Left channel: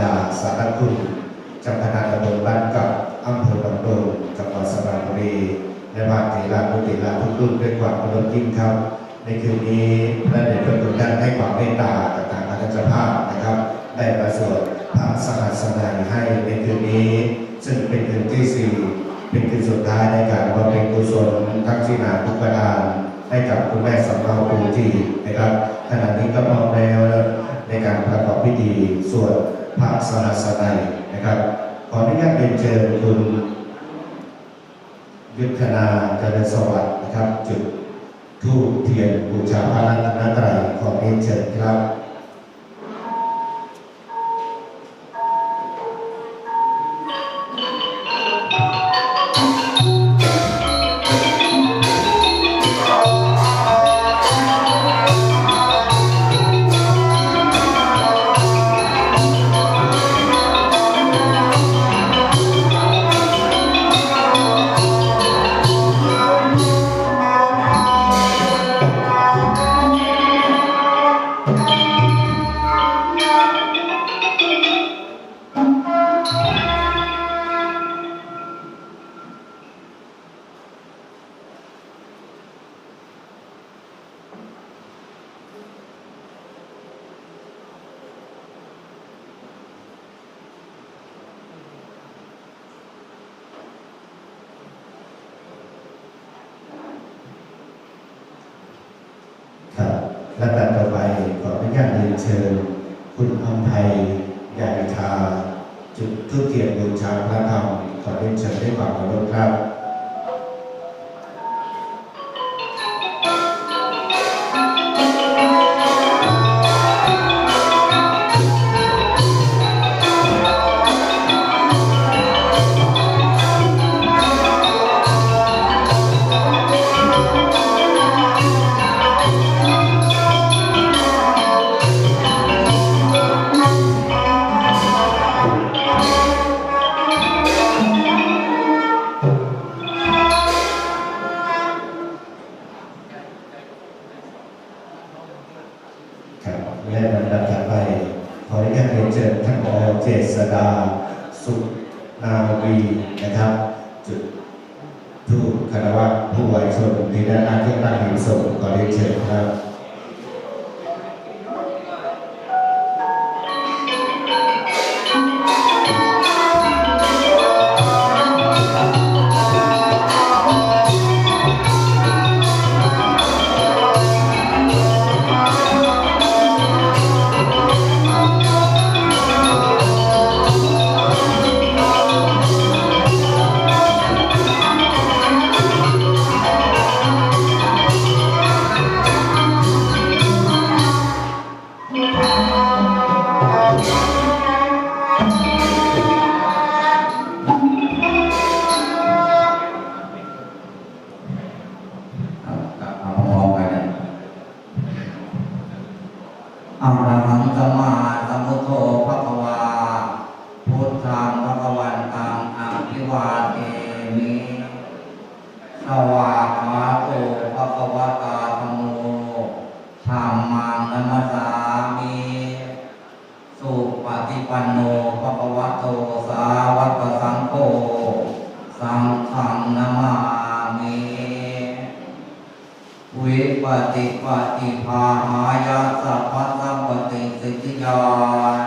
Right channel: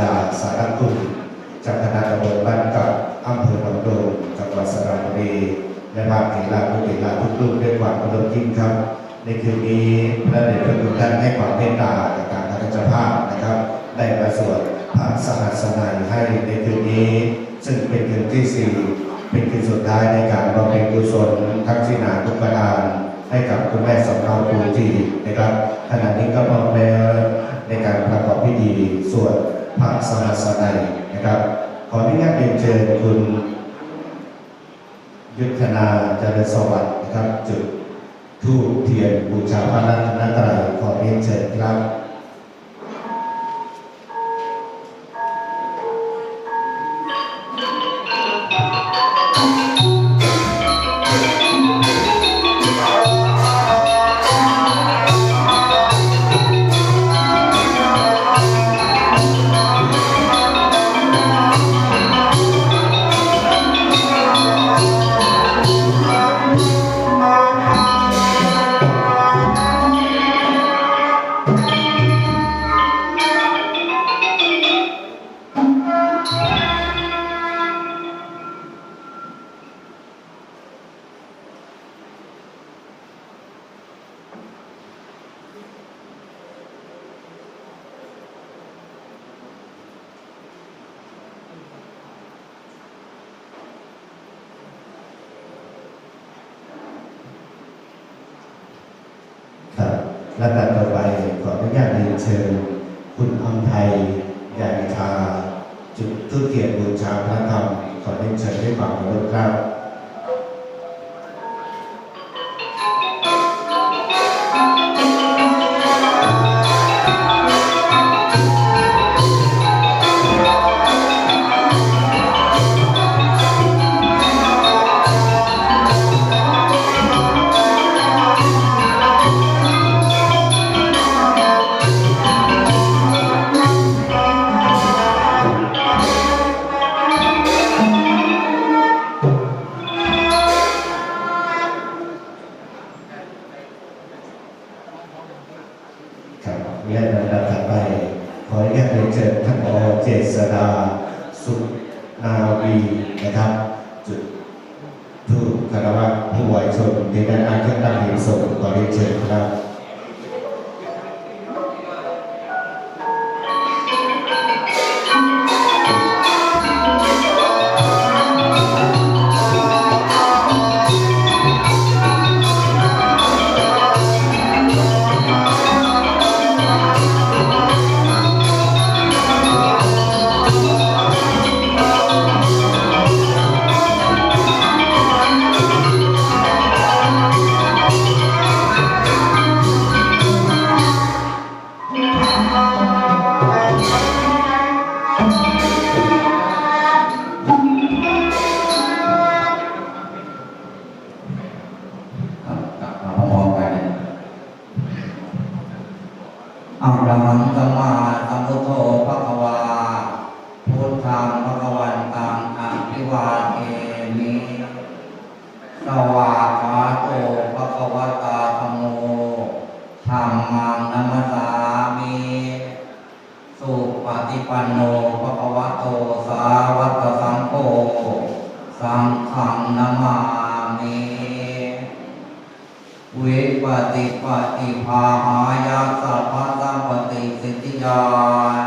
ดาสารคุณเจ้าคณะตำบลบ้านเก่าอำเภอบางโดนจังหวัดสระบุรีและบางเถระผู้เถระทุกรุ่นด้วยความเคารพยิ่งครับในคืนนี้พระเดชพระคุณท่านให้ความเมตตากับการอาจารย์ภาพนะครับได้ประสวดพระสหัสนัยให้ในคืนนี้ซึ่งเป็นคืนที่4เป็นคืนสุดท้ายในการบำเพ็ญกุศลทั้งศีลทุกประการให้กับคุณแม่สำเภาภูทีนะครับขณะนี้ก็พร้อมแล้วในการประกอบพิธีสวดพระสหัสนัยนะครับขออนุญาตเรียนเชิญคุณยุทธนาเจริญสวัสดิ์นะครับจุดธูปเทียนบูชาพระรัตนตรัยขอเรียนเชิญครับและการต่อไปขออนุญาตเรียนเชิญคุณอำไพใหญ่ทาจุดธูปเทียนบูชาพระธรรมขอเรียนเชิญด้วยความเคารพครับและลำดับถัดไปขออนุญาตเรียนเชิญท่านผอ.เจษฎาสุนาวีนะครับจุดธูปคารวะผู้วัยชนที่ด้านหน้าเครื่องตั้งหินศพขอเรียนเชิญครับอะระหังสัมมาสัมพุทโธภะคะวาพุทธังภะคะวันตังอะภิวาเทมิสวากขาโตภะคะวะตาธัมโมธัมมังนัมสสามิสุปฏิปันโนภะคะวะโตสาวกสังโฆสังฆังนะมามิวิปฏิปฏิภาหายาสัพพะสัมปติสิทธิยาน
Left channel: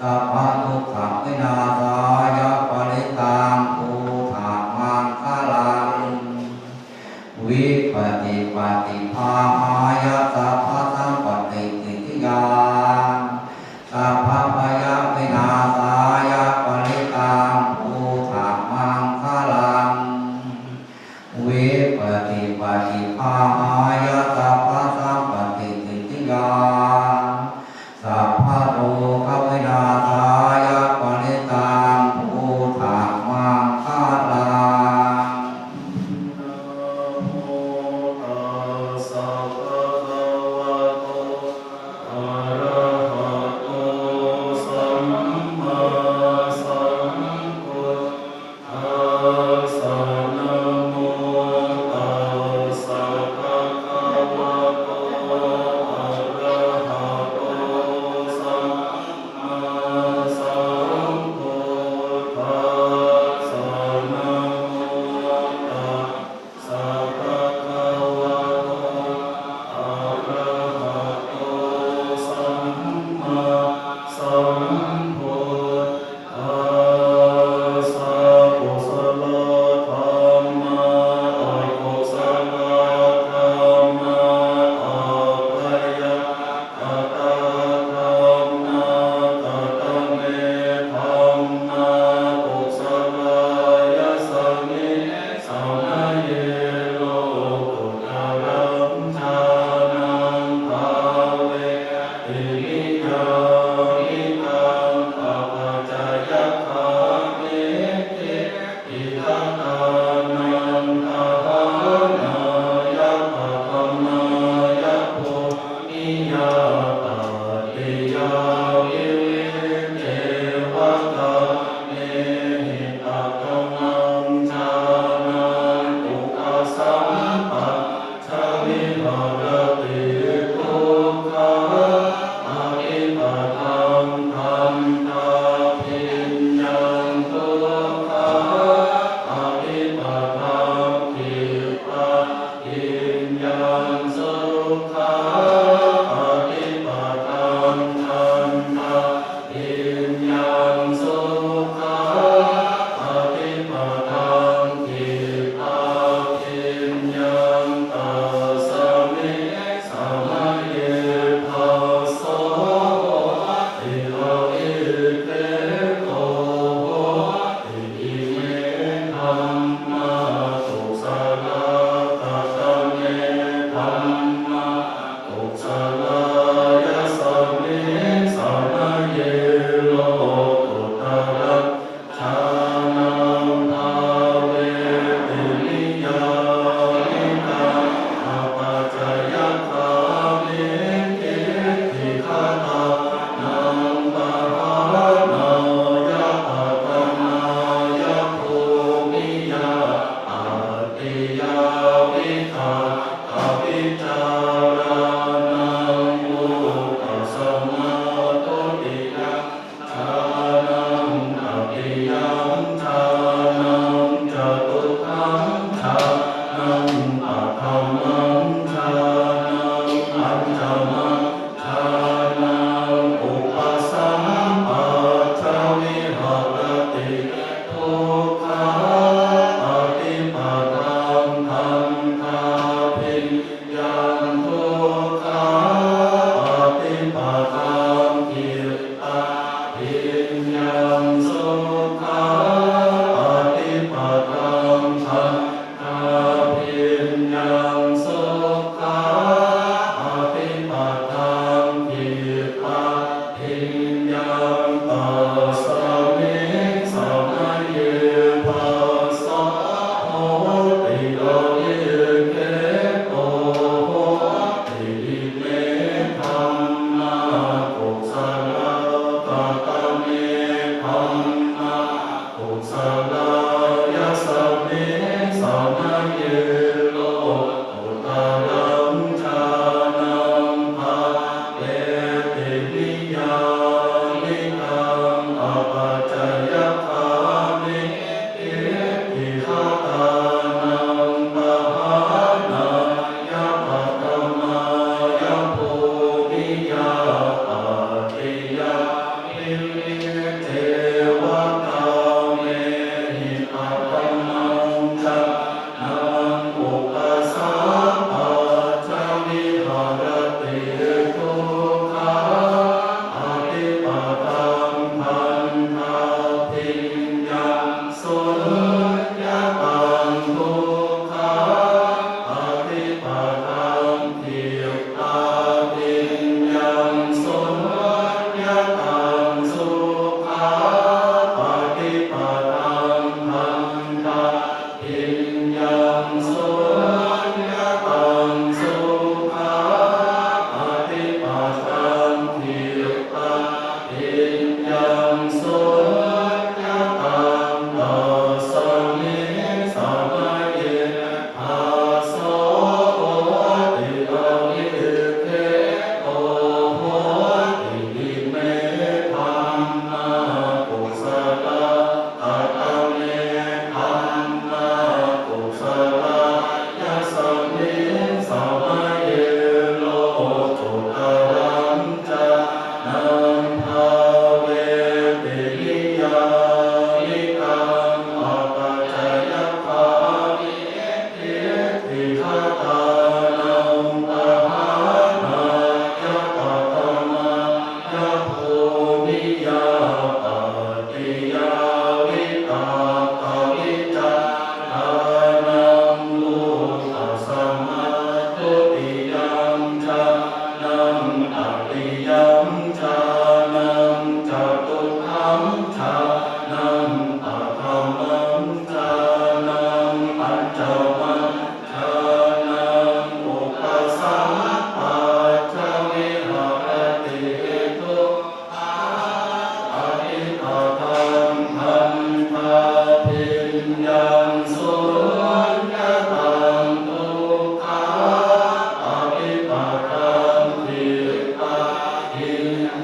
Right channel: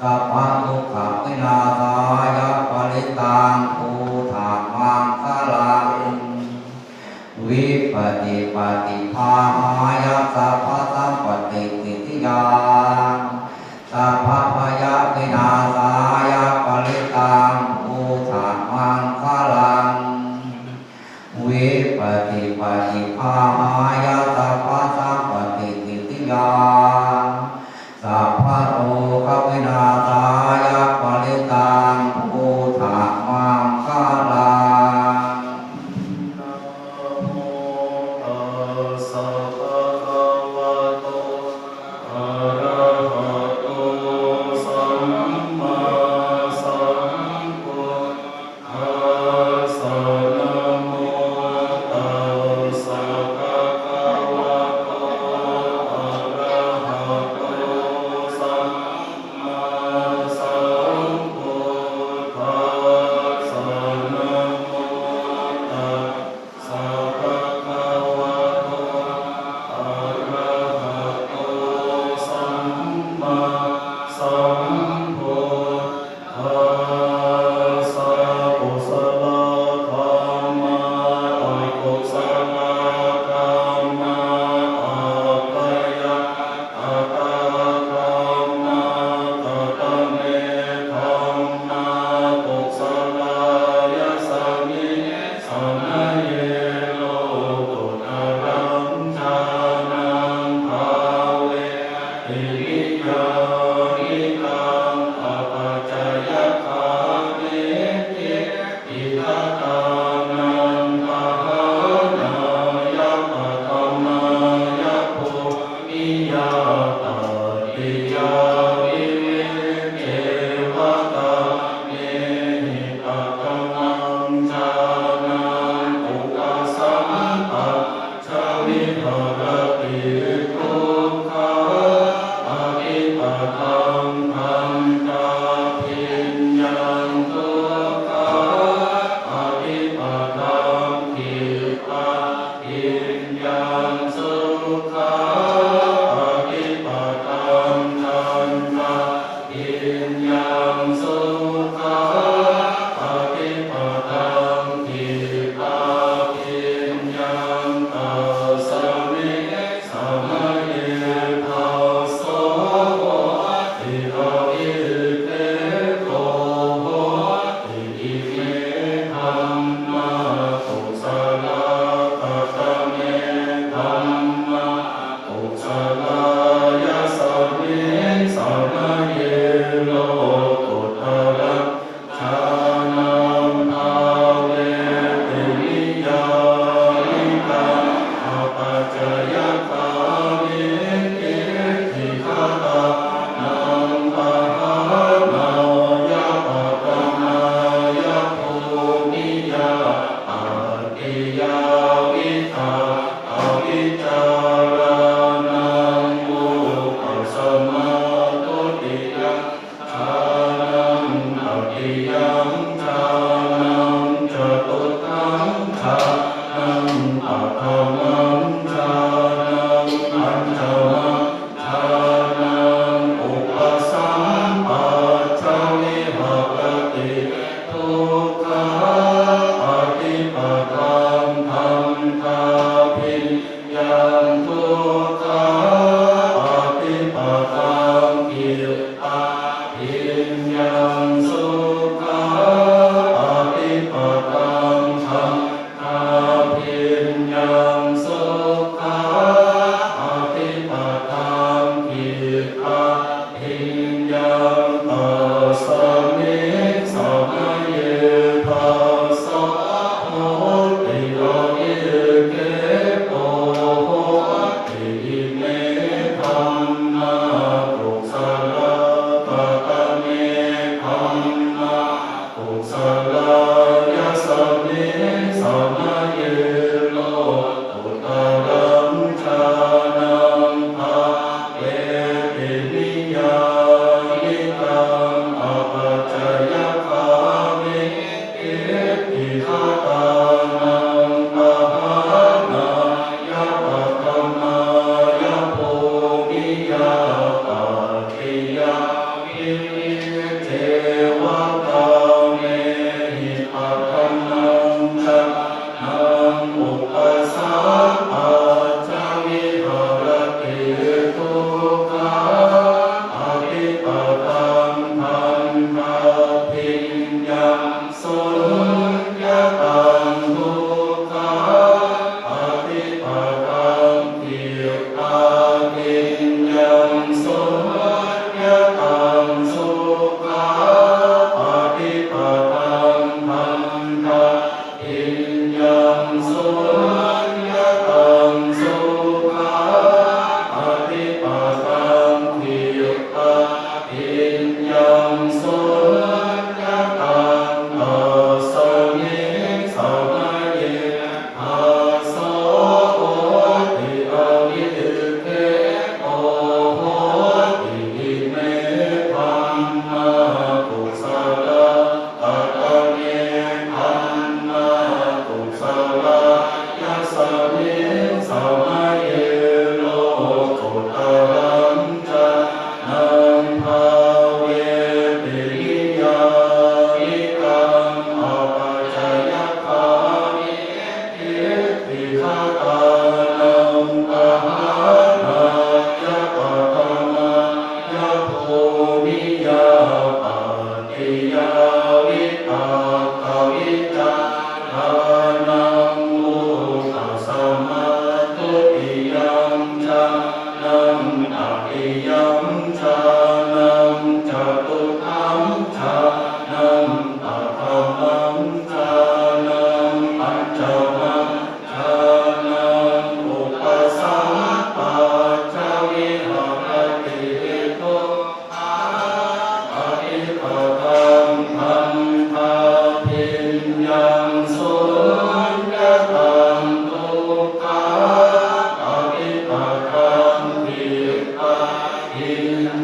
สัพพะทุกขวินาศายาปริตังภูถามังคลังวิปฏิปฏิภาหายาสัพพะสัมปติสิทธิยานสัพพะพยาวินาศายาปริตังภูถามังคลังวิปฏิปฏิภาหายาสัพพะสัมปติสิทธิยานสัพพะโลกวินาศายาปริตังภูถามังคลัง ส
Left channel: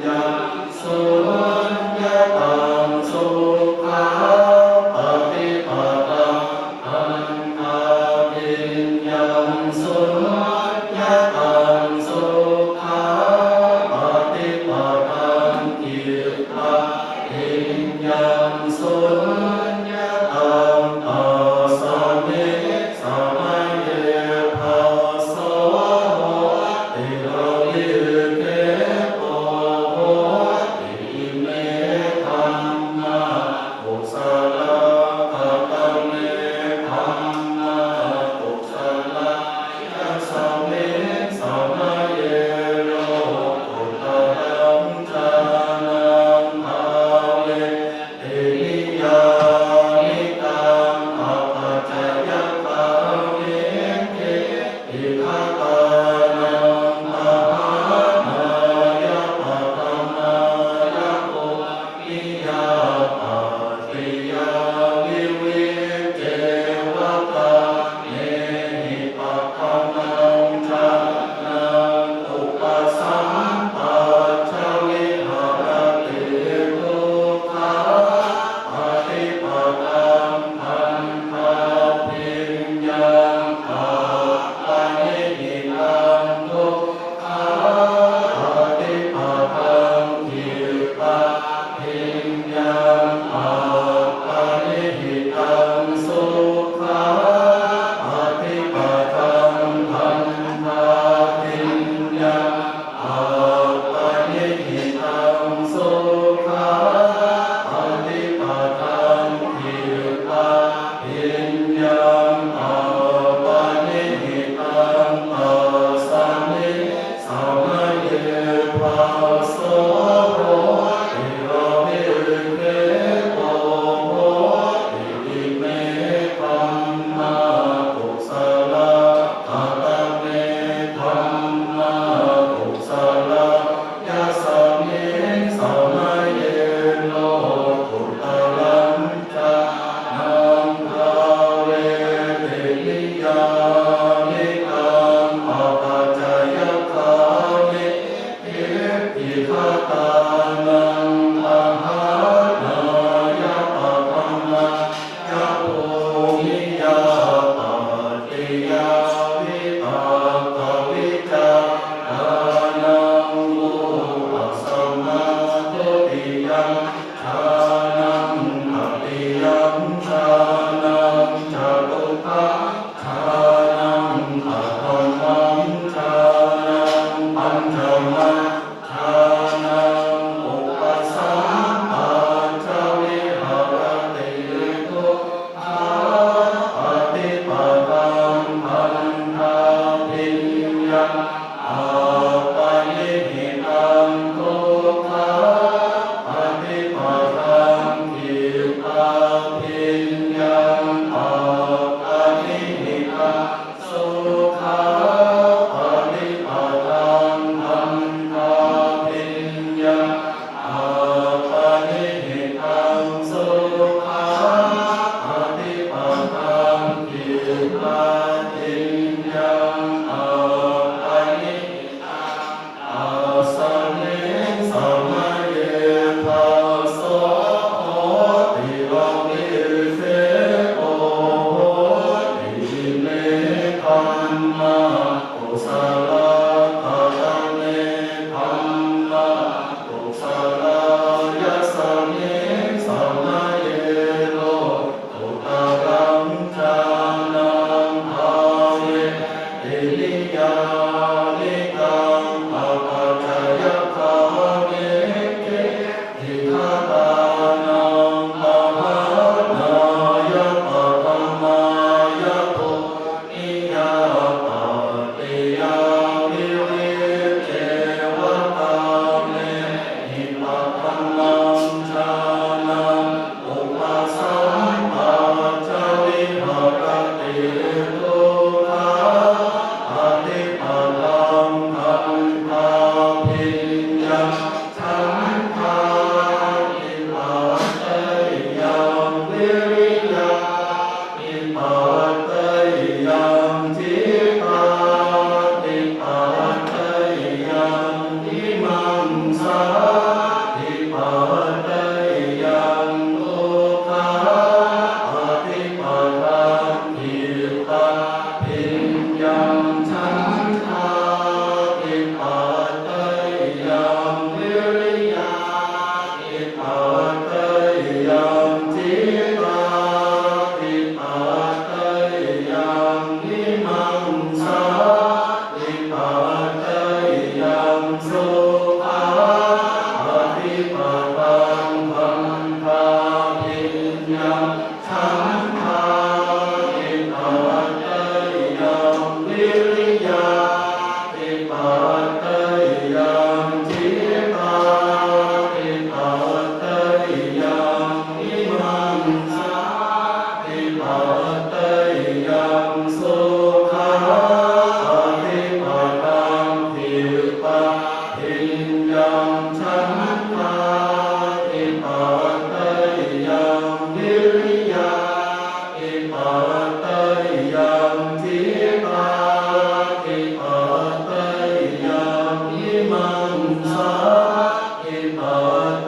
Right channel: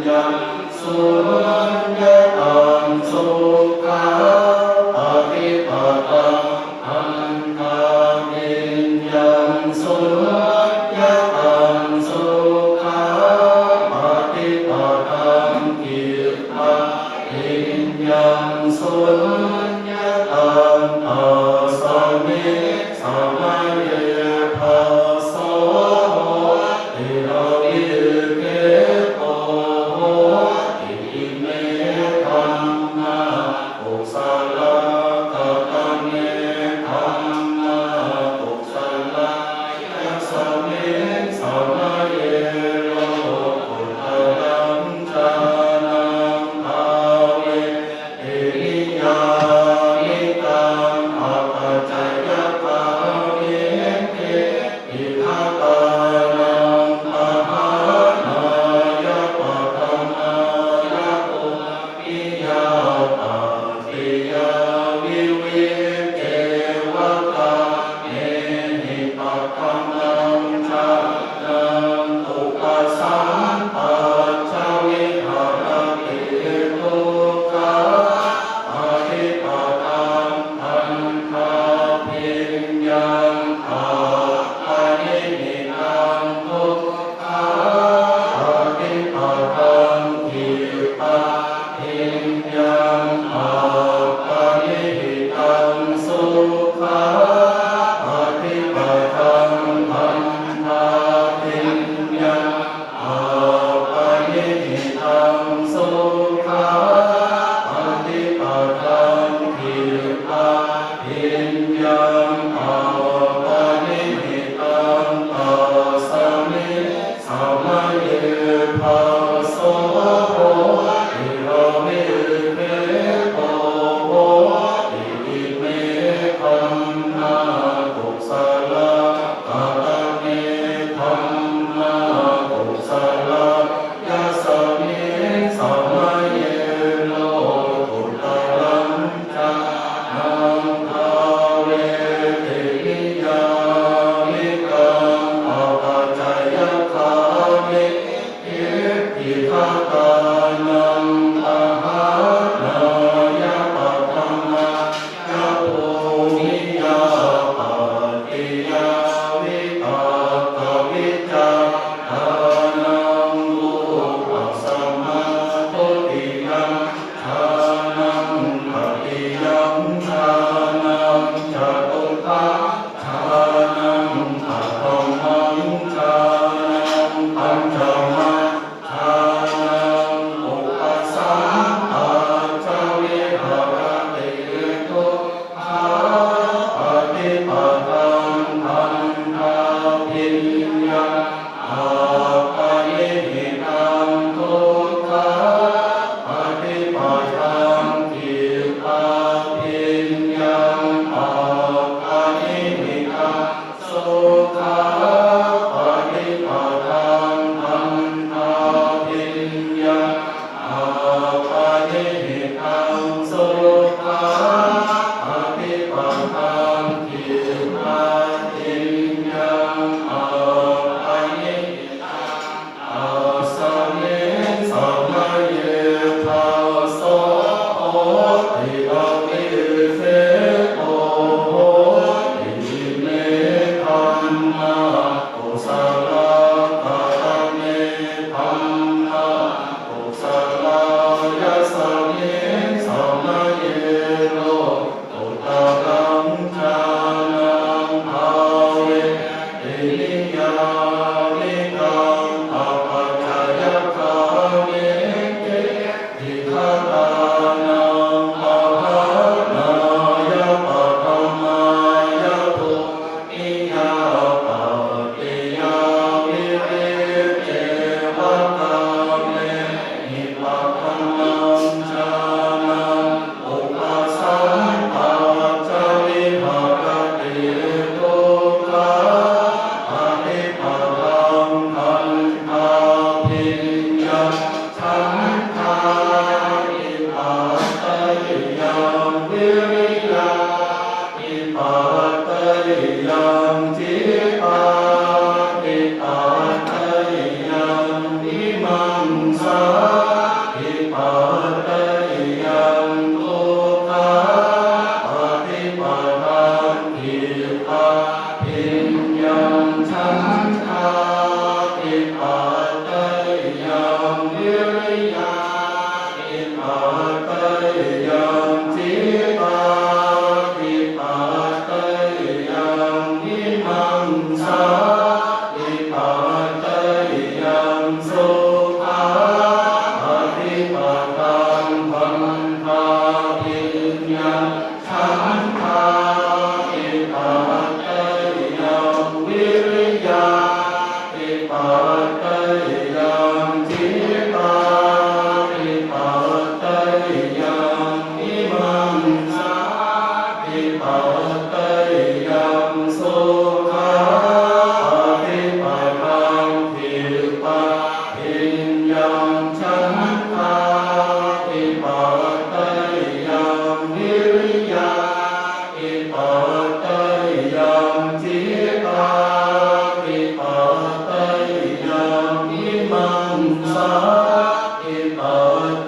ยา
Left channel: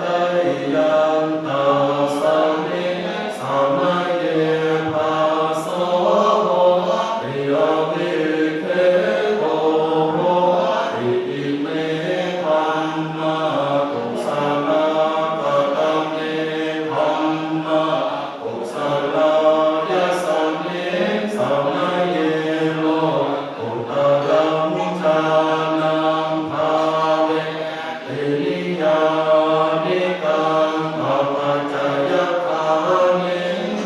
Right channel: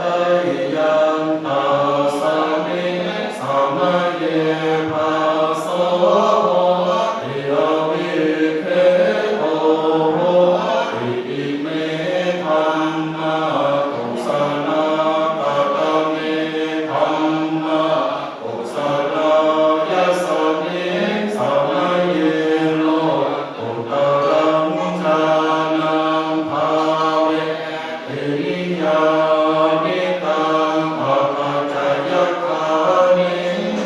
ตยังตัสสะมิสมัยเยภาโสติอวิเคโตอิติเมธัมมากุศลกตเมธัมมากุศลยัสสมิสมัยเยโลอุตรังฌานังภาเวตินิยานิกังภปัจจยคามิ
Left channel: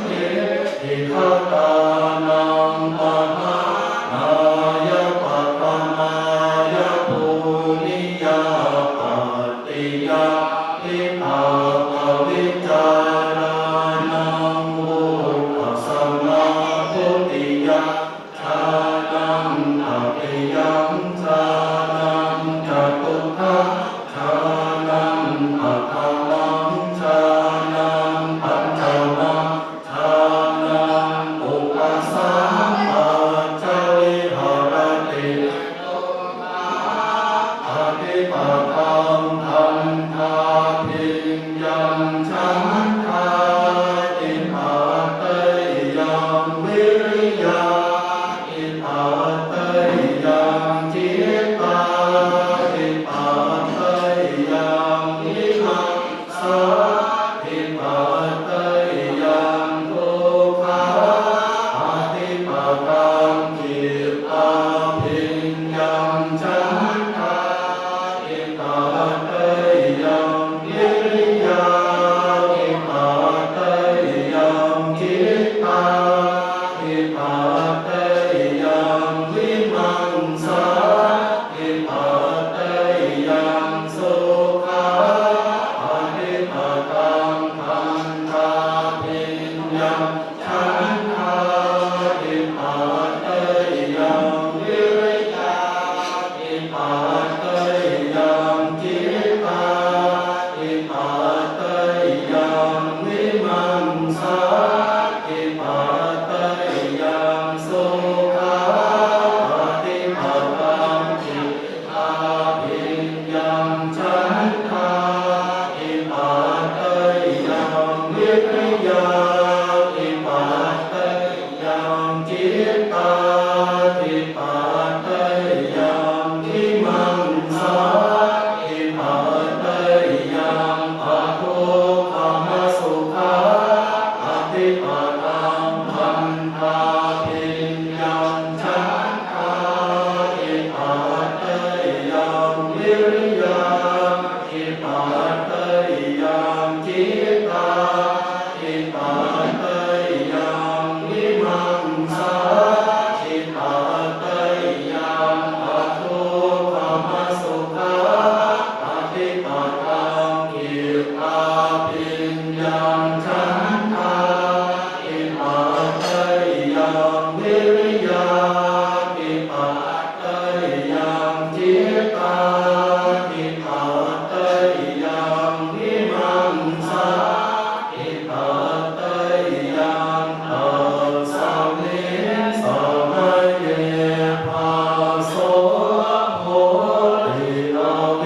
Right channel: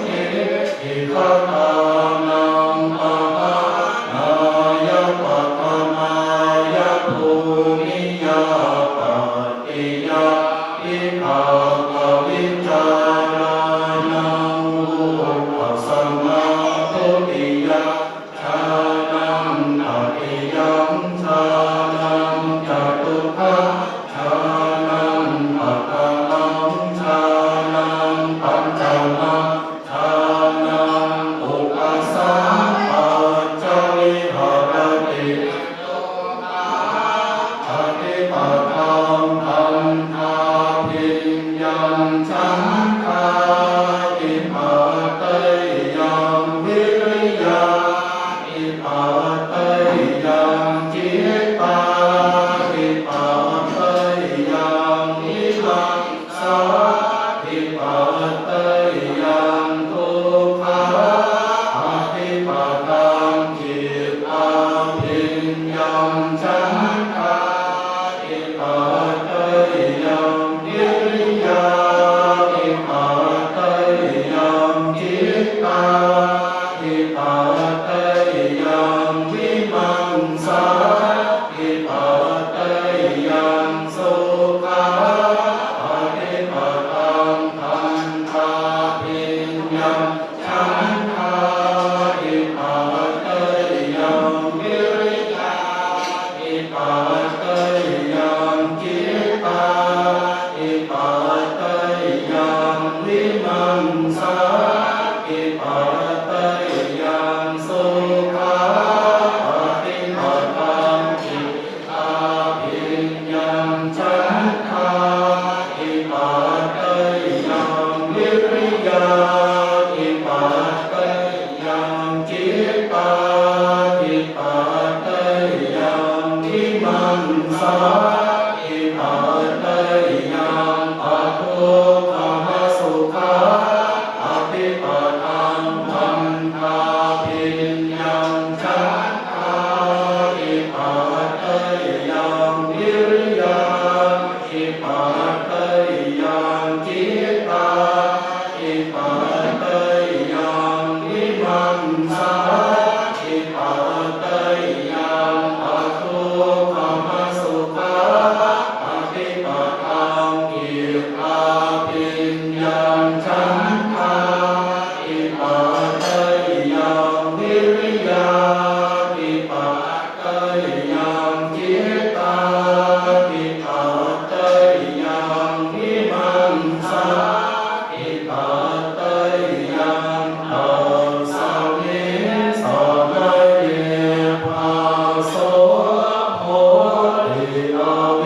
ติอิทตานังปะหานายปัตตมายภูนิยาปัตติยาอิภาควิจารานังวุฒสมาทุติยาชานังอภิยัมชานังจตุทัพชานังอัคคังชานังปัญจวัคชานังอุปสัมปัจจวิหารติอภิปัตตังพันธาภิญญังฉันทาอิปัตเตยังวิริยาอิปัตเตยังจิตตาอิปัตเตยังวิมังสาอิปัตเตยังทุกขาอภิปัตตังจิตตาภิญญังฉันทาอิปัตเตยังวิริยาอิปัตเตยังจิตตาอิปัตเตยังวิมังสาอิปัตเตยังสุขาอภิปัตตังพันธาภิญญังฉันทาอิปัตเตยังวิริยาอิปัตเตยังจิตตาอิปัตเตยังวิมังสาอิปัตเตยังสุขาอภิปัตตังจิตตาภิญญังฉันทาอิปัตเตยังวิริยาอิปัตเตยังจิตตาอิปัตเตยังวิมังสาอิปัตเตยังปัทโทธรรมสุขาอภิปัตตังพันธาภิญญังฉันทาอิปัตเตยังวิริยาอิปัตเตยังจิตตาอิปัตเตยังวิมังสาอิปัตเตยังปัทโทธรรมสุขาอภิปัตตังกิตตาภิญ